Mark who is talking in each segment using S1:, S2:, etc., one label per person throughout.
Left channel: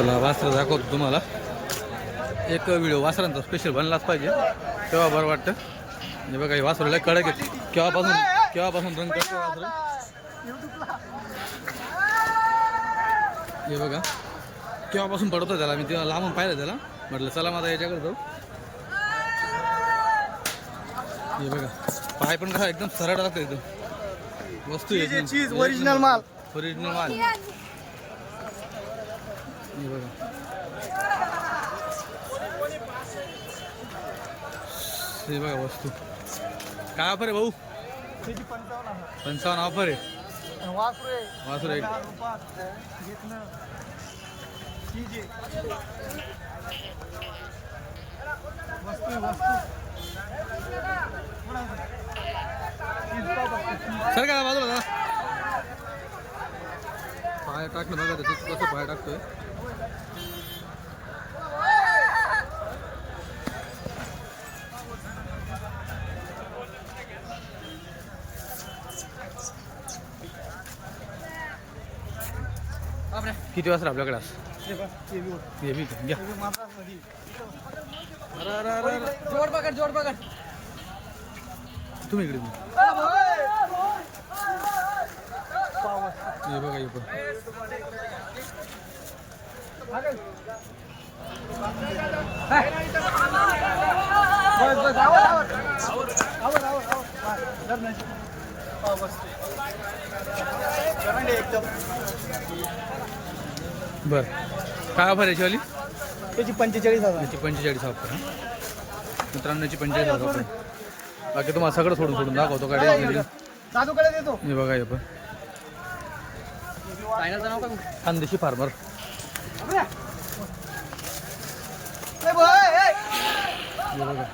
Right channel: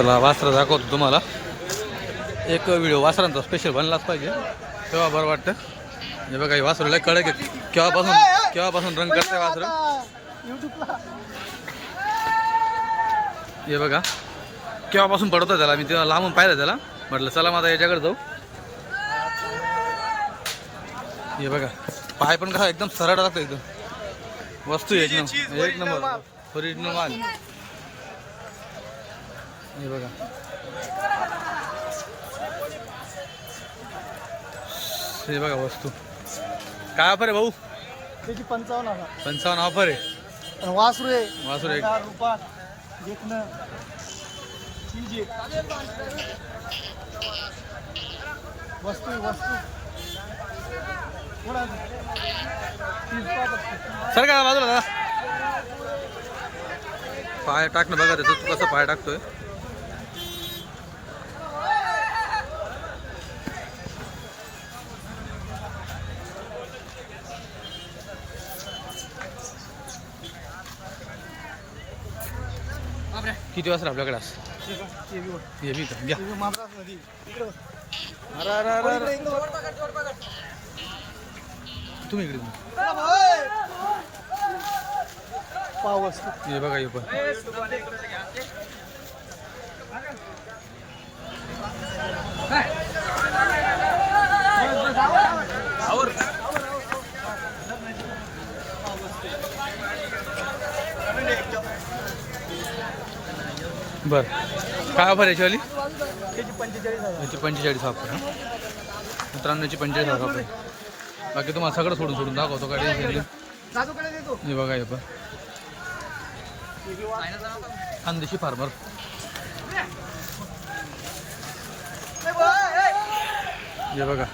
S1: चला वासरा दाखवतो तुम्हाला. एक व्हिडिओ वासरांचा स्पेशल बनलाच पाहिजे. तेव्हा बरं वाटतं? हे बघा हे वासरू लय कडक आहे केव्हापासून केव्हापासून रंग करते वासरू? हे बघा. केव्हापासून पडतो त्याला? मी तेव्हा लांबून पाहिलं त्याला. म्हटलं चला माझा याच्याकडे जाऊ. हे बघा. पाय पण कसा एकदम सरळ राहतो एकदम. वस्तू एकदम. एक नंबर. ओरिजिनल माल. हे बघा. हे बघा वस्तू. काय ऑफर आहे भाऊ?
S2: त्याची पंचावन्न.
S1: पंचावन्न ऑफर आहे.
S2: वासरू आहे.
S1: वासरू एक.
S2: घेतलं आहे. वस्तू वस्तू.
S1: सर का बाजूला दादा पाय टाकणं बघा त्याचं तू कसं पाय टाकतोय. किती वाजता आपल्याकडे आज? का घ्या अरे अरे अरे अरे तुम्ही इकडे तुम्ही. हे बघा हे पण
S2: एकदम.
S1: बर. काय ऑफर याची वाली
S2: त्याची पंचेचाळीस हजार.
S1: याची पंचेचाळीस ऑफर हां? मित्रांनो याची पंचेचाळीस हजार ऑफर बाकी तुम्हाला सगळं सोडून सोडून दाखवतो काय हे बघा हे पण. खानदेशी फार्मर. हे बघा.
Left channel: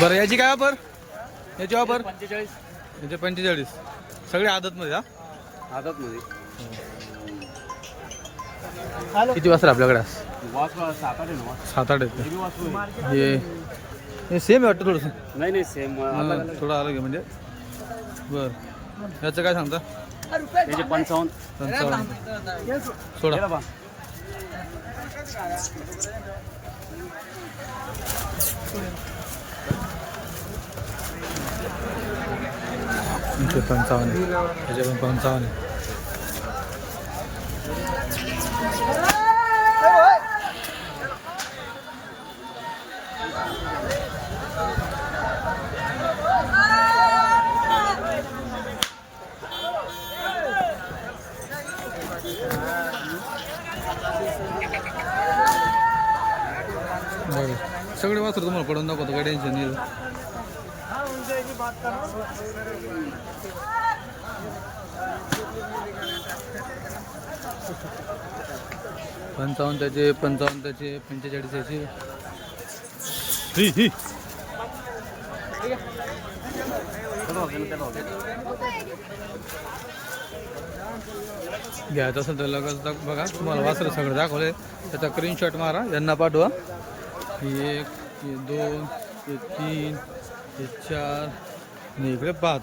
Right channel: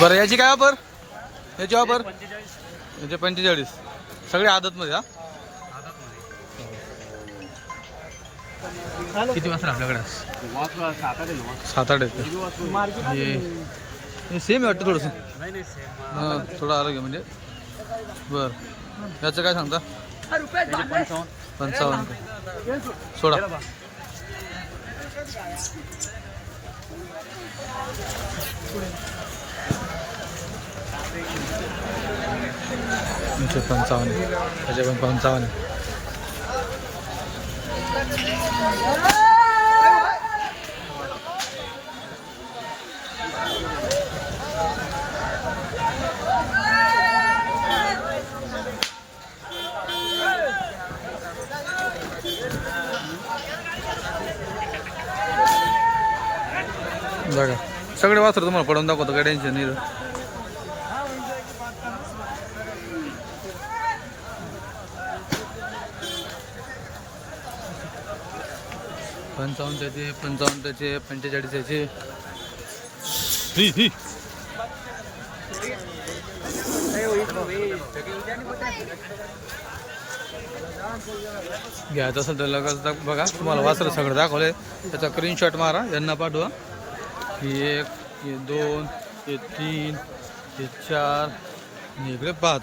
S1: बरं याची काय ऑफर याची ऑफर याचे पंचेचाळीस. सगळे आदतमध्ये हा?
S2: हॅलो.
S1: किती वाजता आपल्याकडे? आज? सात आठ आहेत का? हे हे सेम आहे वाटतं थोडंसं?
S3: नाही नाही सेम
S1: हां थोडं आरोग्य म्हणजे. बर. याचं काय सांगता?
S3: पंचावन्न.
S1: पंचावन्न का सोडा. इथे पंचावन्न त्याचे पण पंचावन्न आहे. बघा सगळे वासर तुम्हाला पडून दाखवतो काय टेन्शन नाही
S2: हाँ उनसे एक ही बात करना
S1: पंचावन्न त्याचे पंचावन्न त्याचे पंचेचाळीस त्याचे घ्यायचं असेल तर लगेच बघा तुम्हाला वाचलं सगळं दाखवले त्याचा स्क्रीनशॉट मारा यांना पाठवा. ही एक हे दोन हे तीन हे चार आणि इकडे पाच.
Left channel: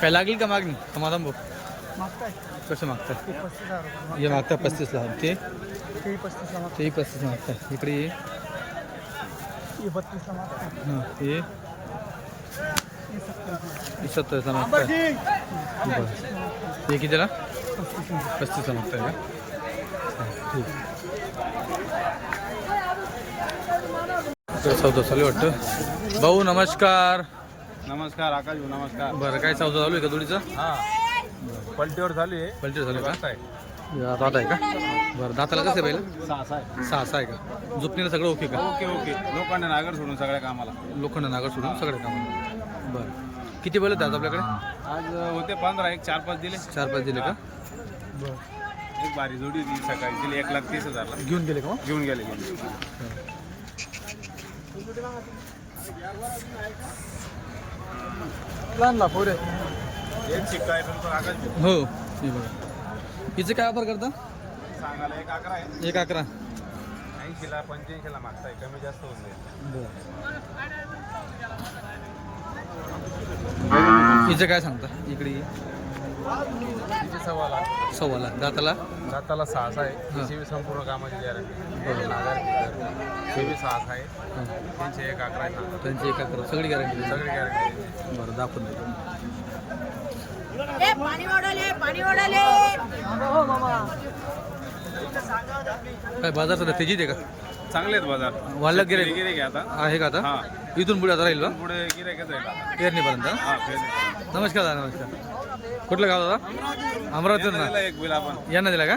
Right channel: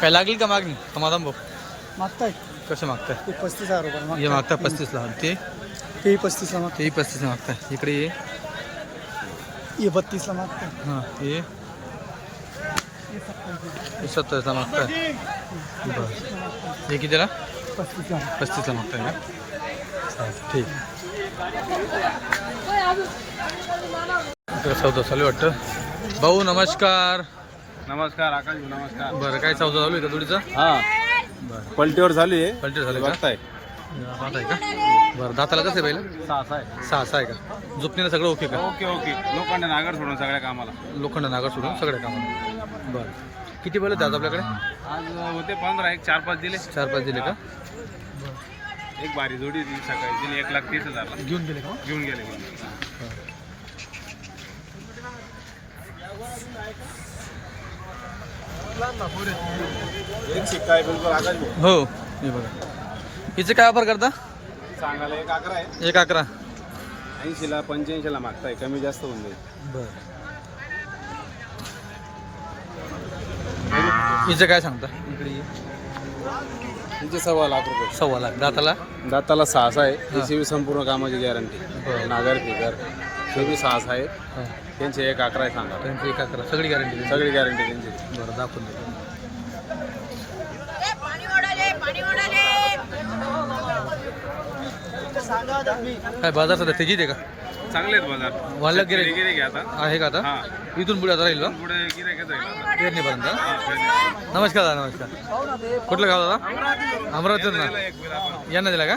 S1: काय लागेल का मागणी? समाधान भाऊ
S2: मागताय.
S1: कसं मागताय?
S2: पस्तीस हजार रुपये.
S1: हे मागता पस्तीसला. ते?
S2: ते पस्तीसला मागताय.
S1: तेही पस्तीसला मागताय. इकडे ये.
S2: हे बत्तीसला मागताय.
S1: हां हे?
S2: हे सत्तावीसला.
S1: हे सत्तावीसला मागताय. बरं. हे कितीला?
S2: पस्तीसला.
S1: पस्तीसला मागताय का? चालेल ठीक. इकडे चौदा चालू आहे वाटतं. भाऊ नमस्कार.
S3: नमस्कार आकाश भाऊ नमस्कार.
S1: बरं काय चौदा चालू आहे का जोडीचं?
S3: हा.
S1: बरं.
S3: पलटीवर झाली आहे
S1: पलटे झाले का. या, पाहत आहे का? बरं दाताला कसं आहे पहिलं?
S3: सहा सहा आहे.
S1: सहा सहा आहे का? झुपणीला सगळं ओके का?
S3: ओके ओके लोखंड नागर सोडून सगळ्या कामाला.
S1: लोखंड नागर सोडून सगळ्या कामाला. बरं. किती बैल आहेत आज आपल्याकडे?
S3: आज होते पंधरा एक चार पाच दिले.
S1: चार पाच दिले का?
S3: एक बारी जोडी होती सकाळी. दिली एक लाख तीस हजारला.
S1: घेऊन गेले का?
S3: घेऊन गेले एक शिक्का आहे बिलकुल आकाश भाऊ.
S1: हो हे बघा. हिचं काय वापर करता?
S3: सांगायला एक अकरा आहे.
S1: एक अकरा.
S3: ऐंशीला पंच्याऐंशीला मागताय. कमी जास्त होऊन जाईल.
S1: बर. हिचं काय सांगता? इकडे ये.
S3: तिचे सव्वा लाख रुपये.
S1: सव्वा लाख. दाताला?
S3: दाताला सहासा आहे.
S1: हा.
S3: त्याची बी संपूर्ण कामाची गॅरंटी
S1: बरं.
S3: नागर फिगर सहासा आहे.
S1: हां.
S3: त्यांचे एक अकरा आहे सांगा.
S1: त्यांची एक अकरा. सगळी गॅरंटी
S3: सगळी गॅरंटी त्यांची.
S1: बरं दाखवून देतो.
S4: ए, पाणी ओढाले पाणी ओढाले.
S1: काय बाजार सध्या तेजीत आहे का?
S3: चांगले आहेत बाजार.
S1: वाढलं गिरे
S3: गिरे घ्या आता.
S1: आहे का आता?
S3: हा.
S1: इथून पुढे आता राहील ना?
S3: पुढे गिरे घेत राहील आता.
S1: पेरणीपर्यंत?
S3: हा पेरणी.
S1: नमस्कार दादा नमस्कार. कुठलं गाव दादा? अमरावतीवर ना?
S3: त्याला एक बिल आपण
S1: यांना दिला का?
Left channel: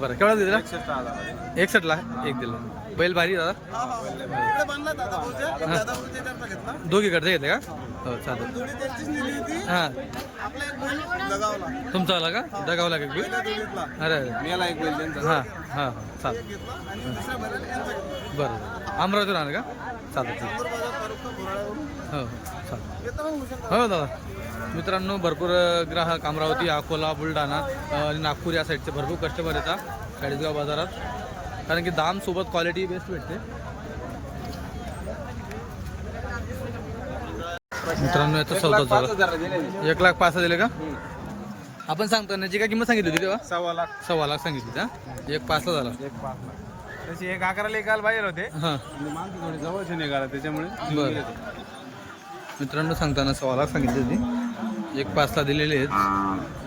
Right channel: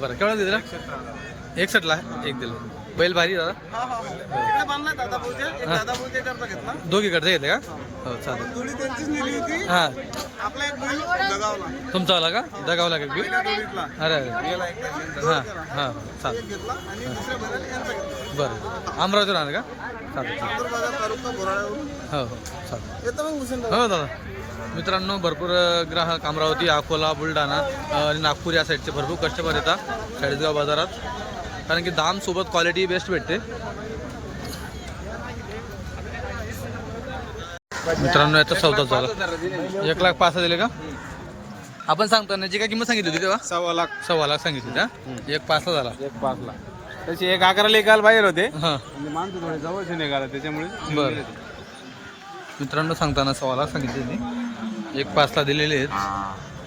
S1: बरं केवढा दिला?
S3: हजार.
S1: एकसठला एक दिला. बैल भारी दादा.
S2: इकडे बांधला दादा भाऊच्या. एक
S1: हा.
S2: दादा भाऊच्या करता घेतला.
S1: दोघीकडचे घेतले का? हो चालेल.
S2: थोडी त्यांचीच नेली होती.
S1: हां.
S2: आपला एक बैल दगावला.
S1: तुमचा आला का? दगावला का बी
S2: पहिल्या जोडीतला.
S1: अरे अरे.
S3: याला एक बिल त्यांचं.
S1: हां हां हां. चालेल.
S2: घेतला आणि दुसऱ्या बैलाला यांचा घेतला.
S1: बरं अमरावतीवर आलं का? चालेल हो हो चालेल हो दादा. मित्रांनो भरपूर ग्राहक अमरावती अकोला बुलढाणा आणि नागपूर या साईडचे भरपूर कस्टमर येतात चाळीसगाव बाजारात. कारण की दाम सोबत क्वालिटी बेस्ट भेटते. मित्रांनो याचा सौदा झाला. एक लाख पाच दिले का? आपण सांगतो ना जी काय किंमत सांगितली होती तेव्हा?
S3: सव्वा लाख.
S1: सव्वा लाख सांगितली होती हा? एक पाचला झाला.
S3: एक पाच लाख त्याची एक अकराला निघाल बाहेर होते.
S1: हां.
S3: आणि माणसं थोडे जवळचे निघाला त्याच्यामुळे जीव
S1: बरं.
S3: गेले ते.
S1: मित्रांनो सांगताना सव्वा लाख सांगितली होती एक पाचला दिलेले आहेत.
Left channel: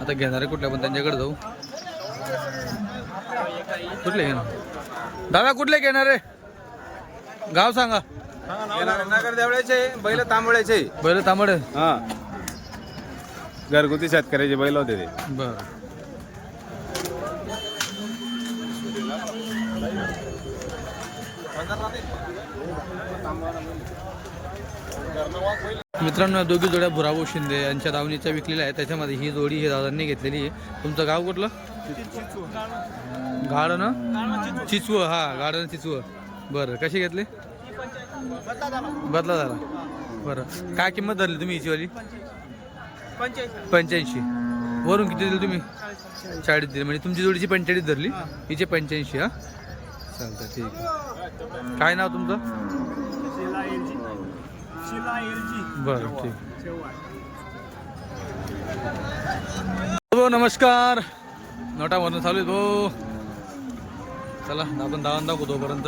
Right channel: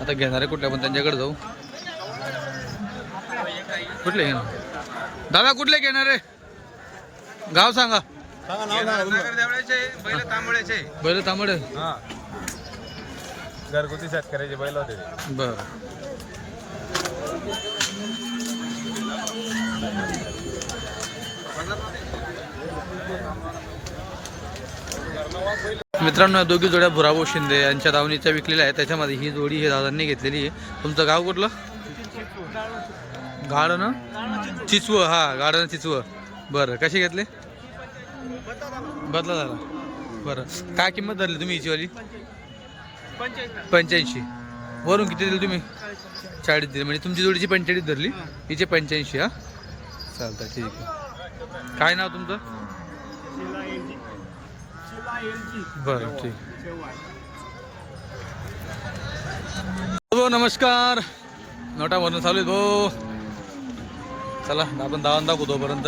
S1: आता घेणारे कुठल्या पण त्यांच्याकडे जाऊ. कुठले घेणार? दादा कुठले घेणार? आहे गाव सांगा.
S3: नगर बैल तांबड्याचे
S1: बैल तांबडे
S3: हा. घरगुती शेतकऱ्याचे बैल होते ते.
S1: बर. मित्रांनो या दोघी जोड्या भुराभाऊ शिंदे यांच्या दावणीच्या विकलेल्या आहेत. त्याच्यामध्ये ही जोडी हे दादांनी घेतलेली आहे. तुमचं गाव कुठलं? गाडन चिचव हा गाडन चिचव. बरं कशी घेतले? बदला झाला. बरं. काय किंमत धरली तुम्ही हिची वाली पंच्याऐंशी. वरून किती दिली तुम्ही? चाळीस दिली. म्हणजे तुमची जोडीची पंचेचाळीस धरली. हिचे पंच्याऐंशी हा. चालतं ठीक आहे. काय नाव तुमचं?
S2: शिला
S1: बरं ठीक. नमस्कार. नोटामधून चालू आहे भाऊ चला आपण दावण दाखवू तोपर्यंत.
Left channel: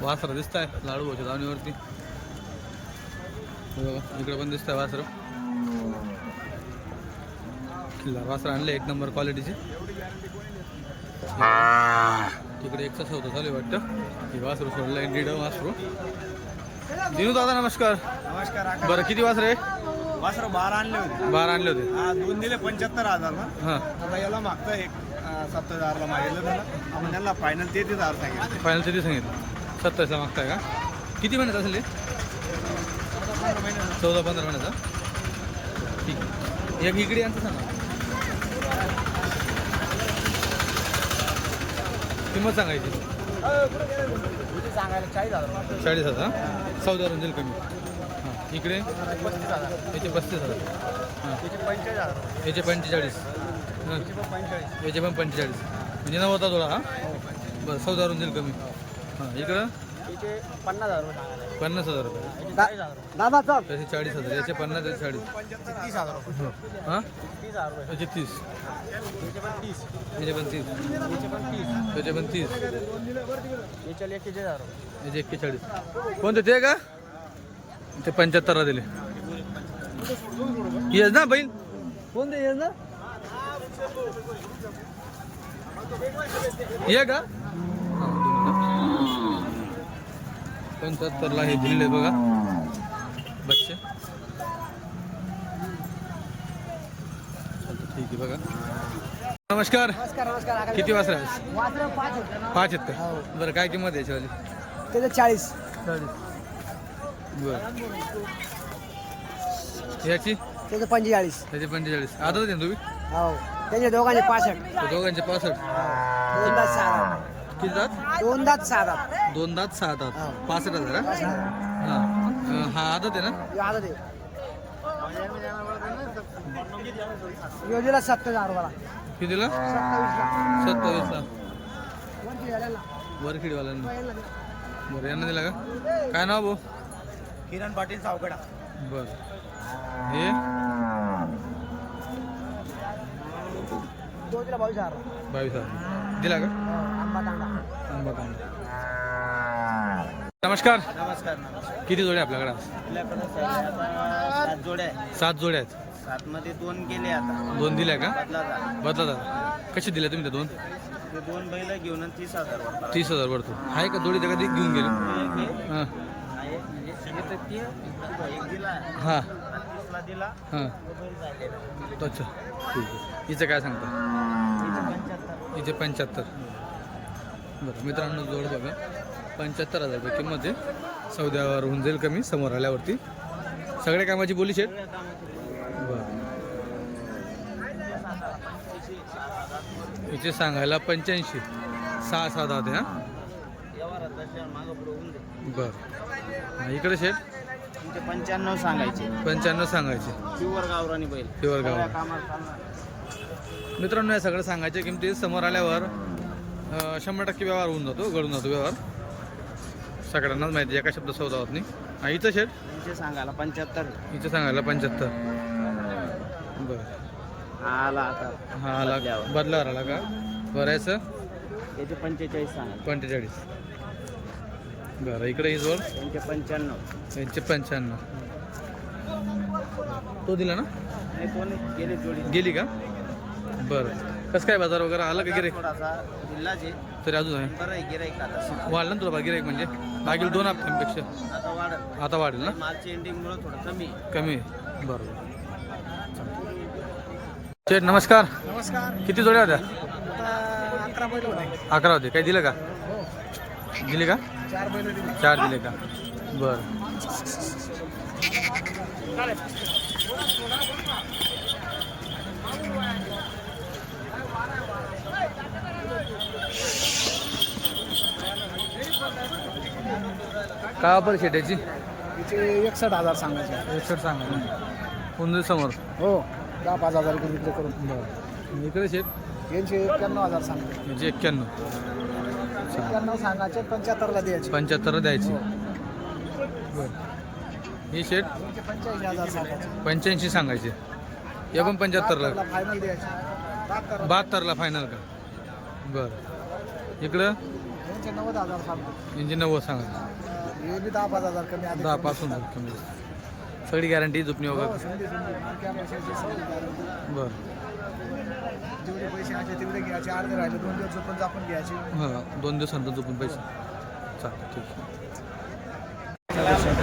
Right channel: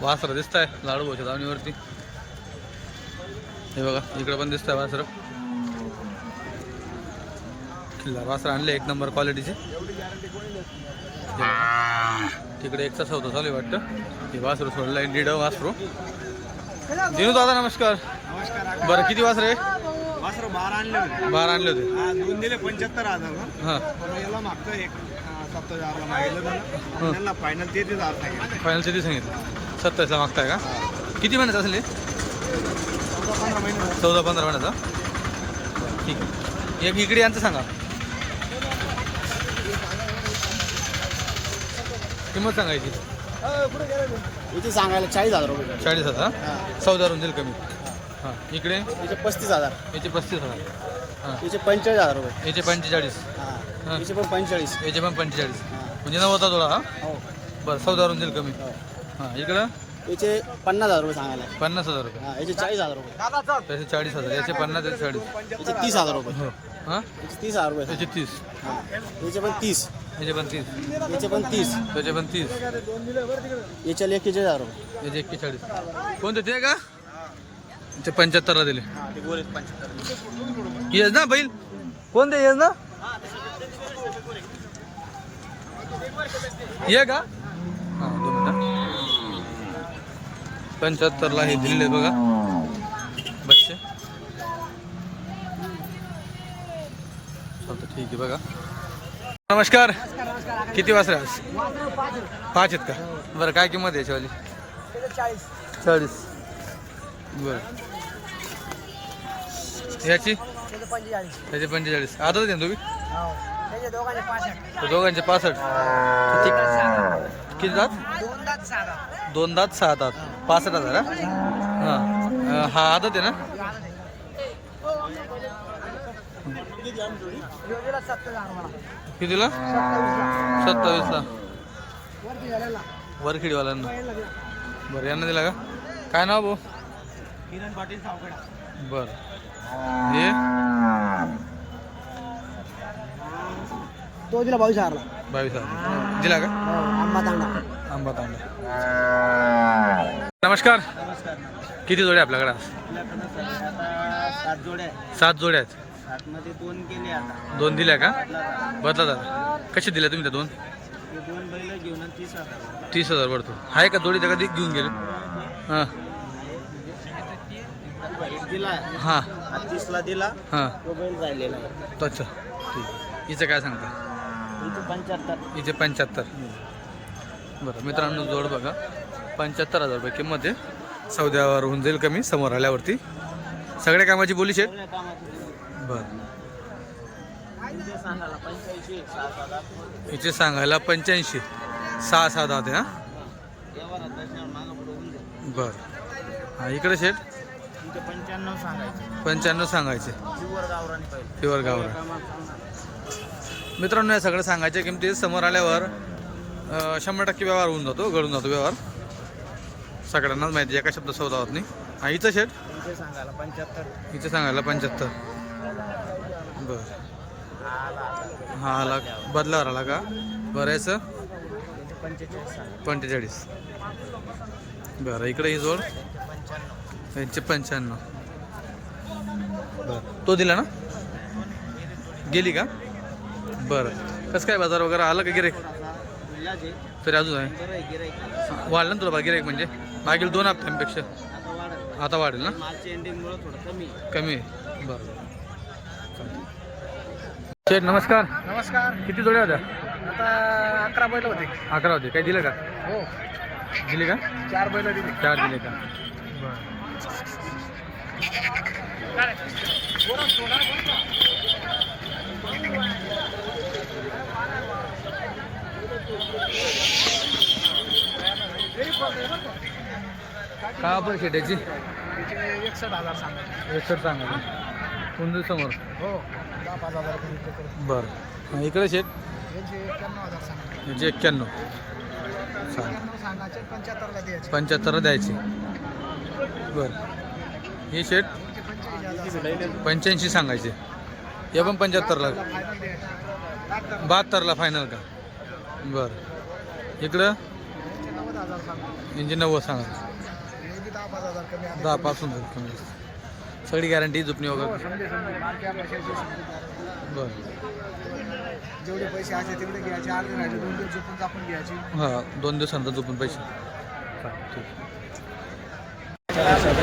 S1: वासरं दिसत आहे लाडू भाऊच्या दावणीवरती. हे बघा इकडे पण दिसत आहे वासरं वासरं आणले एक नंबर क्वालिटीचे तिकडे एकचा सौदा चालू आहे वाटतं. हे वासरू सोडलं आहे डिड वासरू. दिनू दादा नमस्कार.
S2: नमस्कार
S1: बरं किती वासर
S2: वासर बारा आणले होते.
S1: बारा आणले होते.
S2: हा दोन दिले पंच्याहत्तर हजारला
S1: हां.
S2: आता याला मागतं एक सत्तर हजारला मागितलं त्याला त्यांना फायनल तेहतीस हजार सांगितलं.
S1: फायनल किती सांगितलं. सत्तावीसला मागताय का? किती महिन्यात असेल हे?
S2: चौदा पंधरा महिने
S1: चौदा पंधरा महिन्याचा? बरं, ठीक. आहे एक इकडे यांचं सांगा. किंमत सांगायची?
S2: सांगायला चाळीस हजार रुपये.
S1: चाळीस हजार. चौदावरून देईल कमी. हां इकडे?
S2: त्याचे पस्तीस हजार.
S1: याचे पस्तीस हजार. हां.
S2: त्याचे पंचेचाळीस हजार रुपये.
S1: याचे पंचेचाळीस. हां.
S2: त्याचे पण पंचेचाळीस.
S1: याचे पण पंचेचाळीस. म्हणजे नव्वदा जोडा हा?
S2: हो.
S1: बरं चौदावरून देईल कमी. हां. इकडं?
S2: त्याचे पन्नास हजार रुपये सांगायला.
S1: पन्नास हजार रुपये.
S2: याचे चाळीस हजार रुपये. दादा
S1: त्याचे चाळीस हजार याचे पन्नास याचे चाळीस.
S2: याचे तीस हजार रुपये.
S1: हो. हां?
S2: याचे तीस हजार रुपये.
S1: याचे तीस.
S2: याचे पण तीस.
S1: याचे पण तीस.
S2: याचे पण तीस.
S1: त्याचे पण तीस.
S2: याचे एकेचाळीस हजार रुपये.
S1: याचे एक्केचाळीस. कोणते ते का? ते पंच्याहत्तरला दिले. येस ना बैल? कोण ते येस ना? ये का? हा दोन मिनिटं. पंच्याहत्तरला हे दिलेले बघा. बच्चे. चालतं ठीक आहे बघा. नमस्कार. किती वाजता पाच आहेत. का? बरं काय किंमत आहे याच्यावाली?
S2: चाळीस.
S1: चाळीस. बर. याची?
S2: त्याचे पंचेचाळीस.
S1: त्याचे पंचेचाळीस. आहे ना तुम्ही?
S2: हो. त्याचे दोघांचे पासष्ट.
S1: तर दोघांचे पासष्ट. किती किती दात?
S2: दोन दात सहा दात.
S1: दोन दात सहा दात. पासष्ट हजार हा? हा. अं, हा आदत आहे ना?
S2: सत्तर हजार
S1: कितीला? सत्तावीसला. वरखिडीवाल्यांना. बरं यांना दिला का? काय नाव भाऊ?
S2: किरण पाटील सावकडा.
S1: बर. हे?
S2: तो दिला बावीस हजार.
S1: बावीस हजार. दिला का?
S2: आंबा तांडा.
S1: आंबा तांडा. नमस्कार.
S2: नमस्कार नमस्कार.
S1: किती जोडे आपल्याकडे? आज?
S2: आपल्याकडे सगळे आता सात जोड्या आहे
S1: सात जोड्या आहेत.
S2: सात मध्ये दोन केले आता.
S1: दोन दिल्या का?
S2: बदला
S1: दादा कशी दिल्या तुम्ही त्या दोन?
S2: ते दोन बैल घेऊन आणि तीस हजार वर
S1: तीस हजार पडतो आहे का जोडी त्या कधी घेऊन गेले? हां. हां.
S2: दिला
S1: हां.
S2: तो
S1: अच्छा. ठीक आहे हिचं काय सांगता?
S2: तिथं पंच्याहत्तर.
S1: हिचे पंच्याहत्तर बरं मित्रांनो जोड बघा. पंच्याहत्तर हजार रुपये किंमत आहे. सौद्यावर होऊन जाईल कमी समोर आल्यावरती. सगळ्या कामाची बोली शेट बरं. हिचे सांगायला पंच्याऐंशी. सहा सहा दहा ते हां?
S2: बर.
S1: बरं हां इकडे शेट
S2: पंच्याण्णव सांगायचे.
S1: पंच्याण्णव सांगायचे.
S2: प्युअर गावरानी बैल.
S1: प्युअर गावरा मित्रांनो या सगळं सांगायच्या किमती समोर आल्यावर शंभर टक्के व्यवहार होऊन जातो घडून जातो व्यवहार. सगळ्यांनाच माहिती आहे, एका शब्द सौदा होत नाही. हा हिचं शेट?
S2: सांगायला पंच्याहत्तर.
S1: हिचं सांगायला पंच्याहत्तर. बरं. हा आला. बदलावर आला का? बरं याचं?
S2: त्याचे पंचेचाळीस
S1: पंचेचाळीस. बरं इकडे ही जोड.
S2: पंच्याण्णव.
S1: यांचे पंच्याण्णव. तो दिला ना?
S2: गेले
S1: का? बरं. कसं काय बाजार वगैरे आला का गिराईक तरी अजून आहे. वाढलं ना तुला बा गिराईक म्हणजे? मागील दोन हप्त्यांपेक्षा.
S2: आता
S1: वाढेल. ना?
S2: कमी आहे.
S1: कमी आहे. बरोबर शेठ नमस्कार.
S2: नमस्कार.
S1: किती जोड्या होत्या?
S2: आता अकरा बैल होते.
S1: अकरा होते. काही दिलं का?
S2: हो.
S1: दिले का?
S2: चार बैल दिली.
S1: चार दिले का? बर. का बरं शेटाची
S2: तिचे एकसठ हजार सांगायचे.
S1: एकसठ सांगा कुंदू समोर?
S2: हो दहा पाच हजार करून करून.
S1: बरं. इकडे शेट?
S2: यांचे एक्क्याण्णव हजार सांगायचे.
S1: याचे एक्क्याण्णव.
S2: सांगायचे पंच्याहत्तरला द्यायचे.
S1: पंच्याहत्तर द्यायची. बरं. ही शेट?
S2: पंच्याऐंशी सांगायचे.
S1: हे पण पंच्याहत्तरला. बहात्तरला फायनल का? बरं. इकडं?
S2: यांचे नव्वद सांगा. दहा
S1: पासून कमी सगळी गॅरंटी झुपणी
S2: हो
S1: वगैरे
S2: समजी. गॅरंटी
S1: बरं.
S2: जेवढे पैसे असे तेवढे घ्यायचे. अर्धे राहिले दोन दिवस झोपून आपण घ्यायचे.
S1: हां दोन दिवसानंतर झोपून पैसे. चालेल ठीक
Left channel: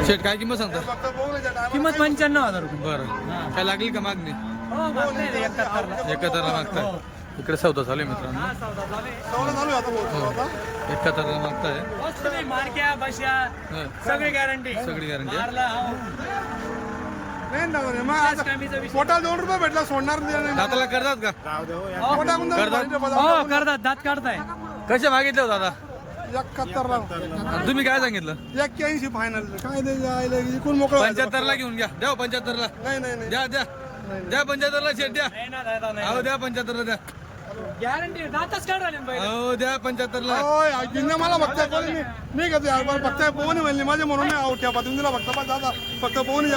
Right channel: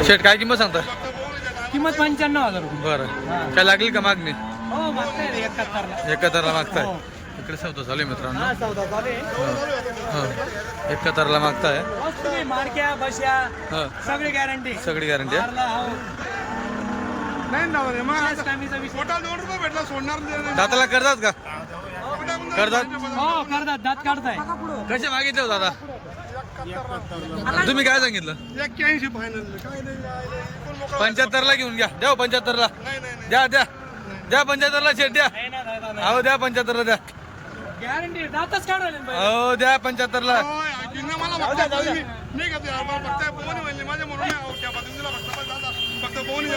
S1: शेट काय किंमत सांगता
S2: किंमत पंच्याण्णव हजार रुपये.
S1: बरं. काय लागली का मागणी?
S2: हो मागताय एकाहत्तरला.
S1: एकाहत्तरला मागताय. इकडे चौथा चालू आहे मित्रांनो. हो एकाहत्तरला मागताय.
S2: मार्क्या
S1: हां.
S2: सगळी गॅरंटी
S1: सगळी गॅरंटी आहे.
S2: नाही दोन रुपये भेटला सोडणार
S1: दाताला करतात का? करतात?
S2: हो करतात. दात काढताय.
S1: कसे मागितले हो दादा? तुम्ही काय सांगितलं?
S2: एक्क्याऐंशी फायनल काय इकडून मोकळं
S1: पंच्याहत्तरला घेऊन घ्या. द्या पंच्याहत्तरला.
S2: नाही नाही नाही.
S1: द्या द्या. द्या पंच्याहत्तरला शेट द्या. अहो द्या पंच्याहत्तरला द्या.
S2: गॅरंटी दातच काढायला
S1: अहो द्या पंच्याहत्तरला.
S2: मला फक्त मी मी कधी फक्त पोहणी म्हणली. माझ्या म्हणून आउट त्या तुला फक्त फक्त पोहणी